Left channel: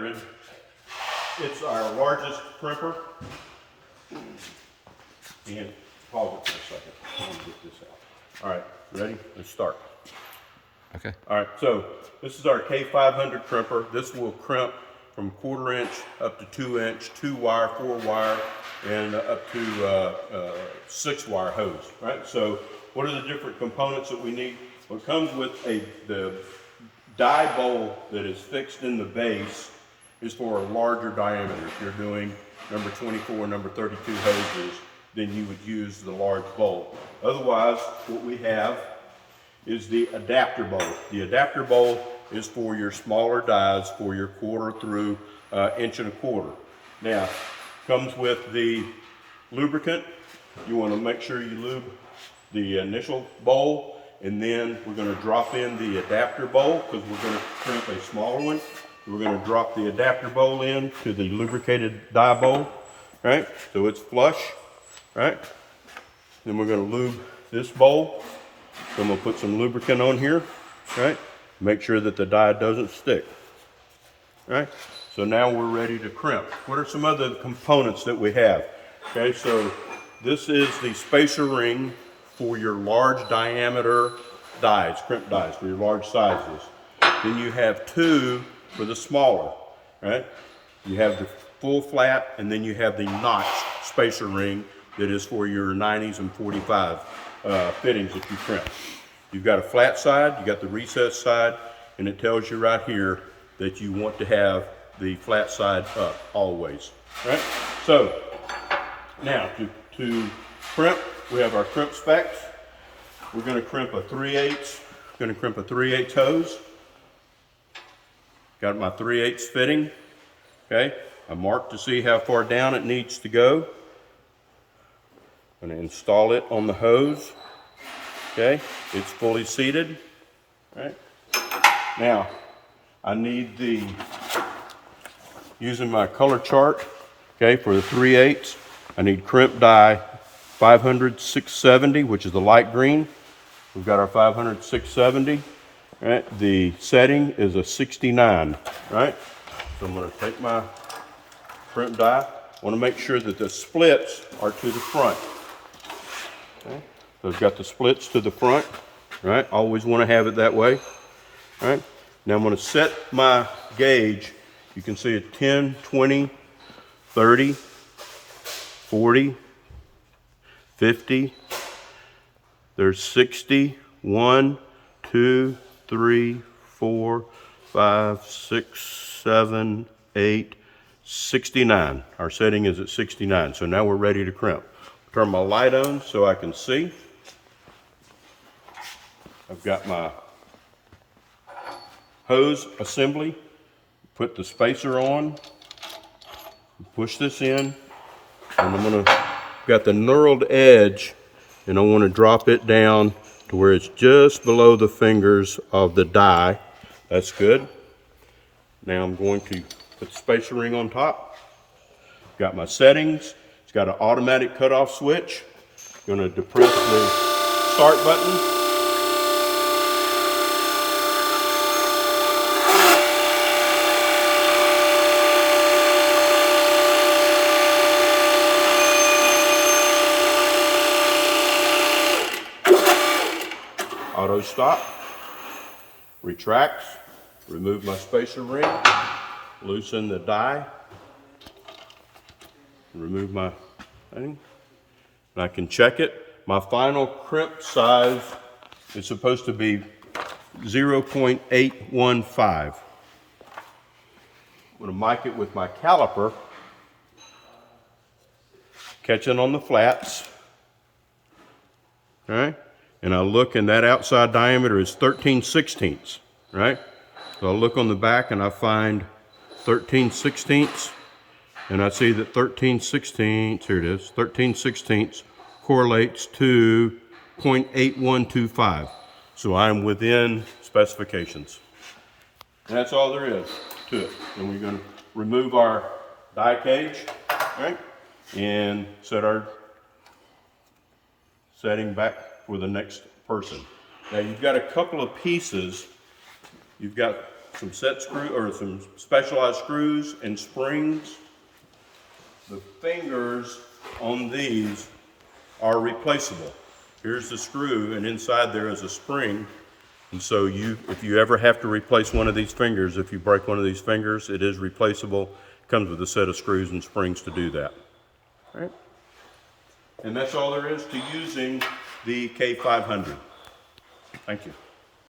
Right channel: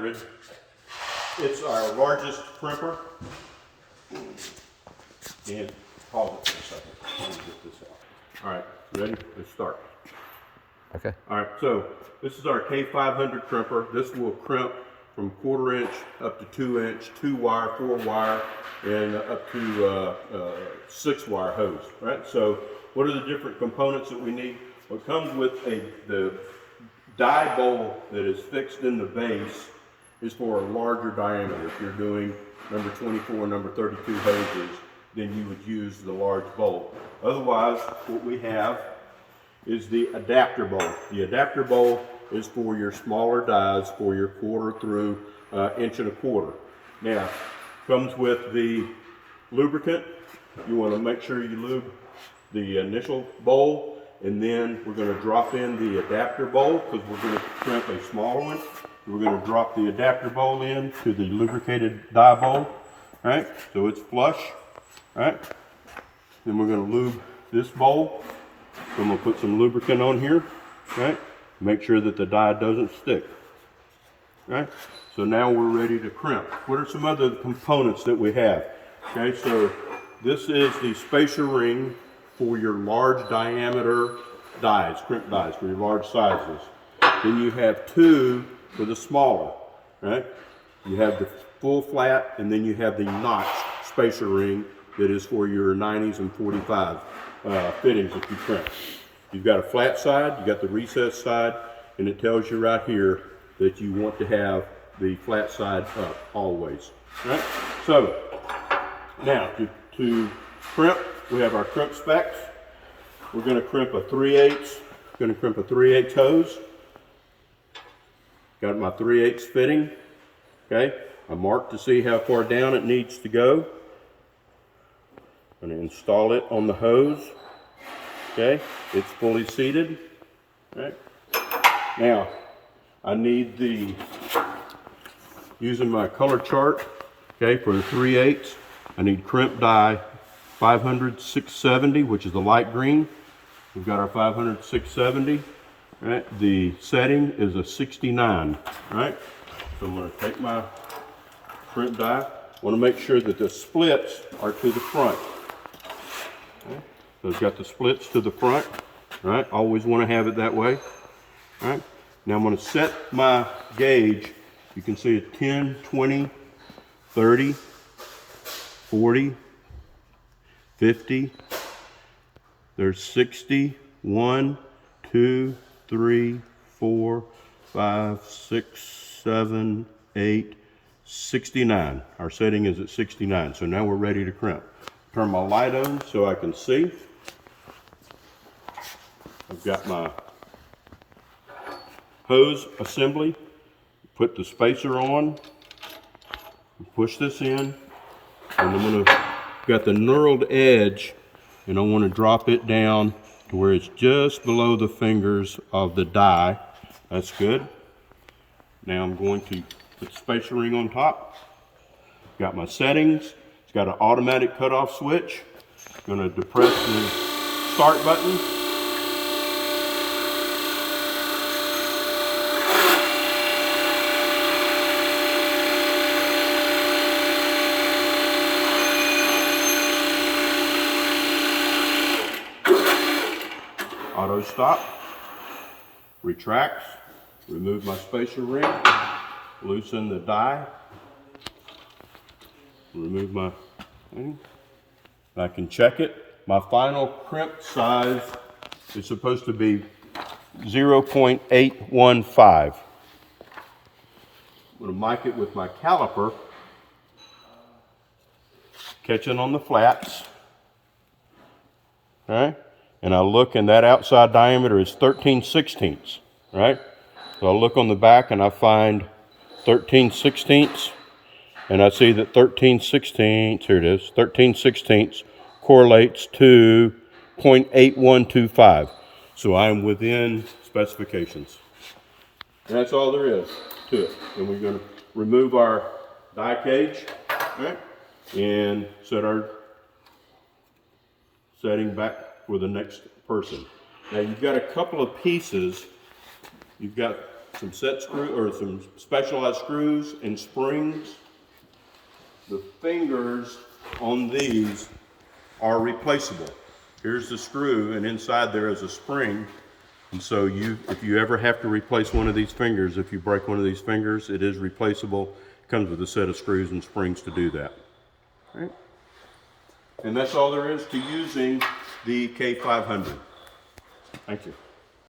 K500. It's our largest crimper. And pause it for a second. Let me get this out. All right, ready? Let's start. Okay. All right, so this is our K500 crimper. This will crimp from 1/4 inch up to 2 inch, 2-wire, 4-wire, and up to 6-wire hose. Right. So what are the different components that we need? Well, it comes with the die bowl that is fixed in the base is for a larger diameter. If you're doing number 24, number 32 hoses, then you would use the large bowl. Otherwise, what we have is the adapter bowl. The adapter bowl is for your smaller dies, for your 1/4 through 1 1/4 inch. Now, comes with the lubricant. You want to make sure you lube the initial bowl, and then we're going to drop in the adapter bowl because we're going to crimp a smaller one. We're going to drop the adapter bowl in to the lubricated die bowl, right? So it's flush, right? Then we're going to lube this bowl. So I'm going to put some lubricant on here, right? Make sure that the die doesn't stick, right? So now we're ready to crimp. What are some other components that we have? Okay, so this is the spacer ring for your large diameter dies, crimp dies, for your large sizes. Then you have 2 for the smaller, right? You have the full flat, and then you have the notched spacer ring that is for your 90s and 45 fittings that you crimp. You've got a flat side, you got the recessed side, and it tells you right here that you want to have the flat side up always, right? So now to crimp, we have our crimp specs. We're going to crimp a 3/8. Going to crimp a 3/8 hose. Got my 3/8 fitting. Okay, I marked to see how far down it needs to go. I'm going to install it on the hose. Okay, it's fully seated. Right. Now, I need using my color chart, okay, for the 3/8, I need crimp die 500 670, which is the light green. We've got our 500 670. Right. The setting is a 69. Right. So I'm going to take my crimp die. I want to make sure that the splits are to the front. Okay. So I've got the splits to the front. Right. Always want to have it that way. Right. Now I'm going to set my gauge. You can see it 10, 20, 30, 40, 50. There's 60, 1, 2, 3, 4, 5, 6, 7, 8, 69. Our setting is at 69. So now we're ready to crimp. Turn my light on so I can see. I've got my hose assembly. Put the spacer on. Push this in. And I'm got the knurled edge, and I want to drop it down to where it's just below the fingers of the die. That's good. Now I'm going to put the spacer ring on top. Got my settings. It's got an automatic cutoff switch. Going to depress the start button. Auto stop, retracts, remove my spacer ring, loosen the die, remove my thing. I can check it. My final crimp size is supposed to be 0.815. I'm going to mic it with my caliper, catching on the flats. Okay. And I look, and that outside diameter is 13/16, right? So I look on the back and I find 13/16, and I see that 13/16, here it is, 13/16 correlates to 0.8125. So I'm within specifications. And that's all there is to it. And we're going to remove our die cage, right? And set our setting back for the next person. Now you've got a couple of pieces. You've got some set screw or some specialized screws and springs. The fingers on these are replaceable. Here's the screw, and inside there is a spring. And so if you ever have to replace one of these fingers, if you break one of these fingers, it is replaceable. It comes with a set of screws and springs to do that. All right? And that's all there is to using the K500. Thank you.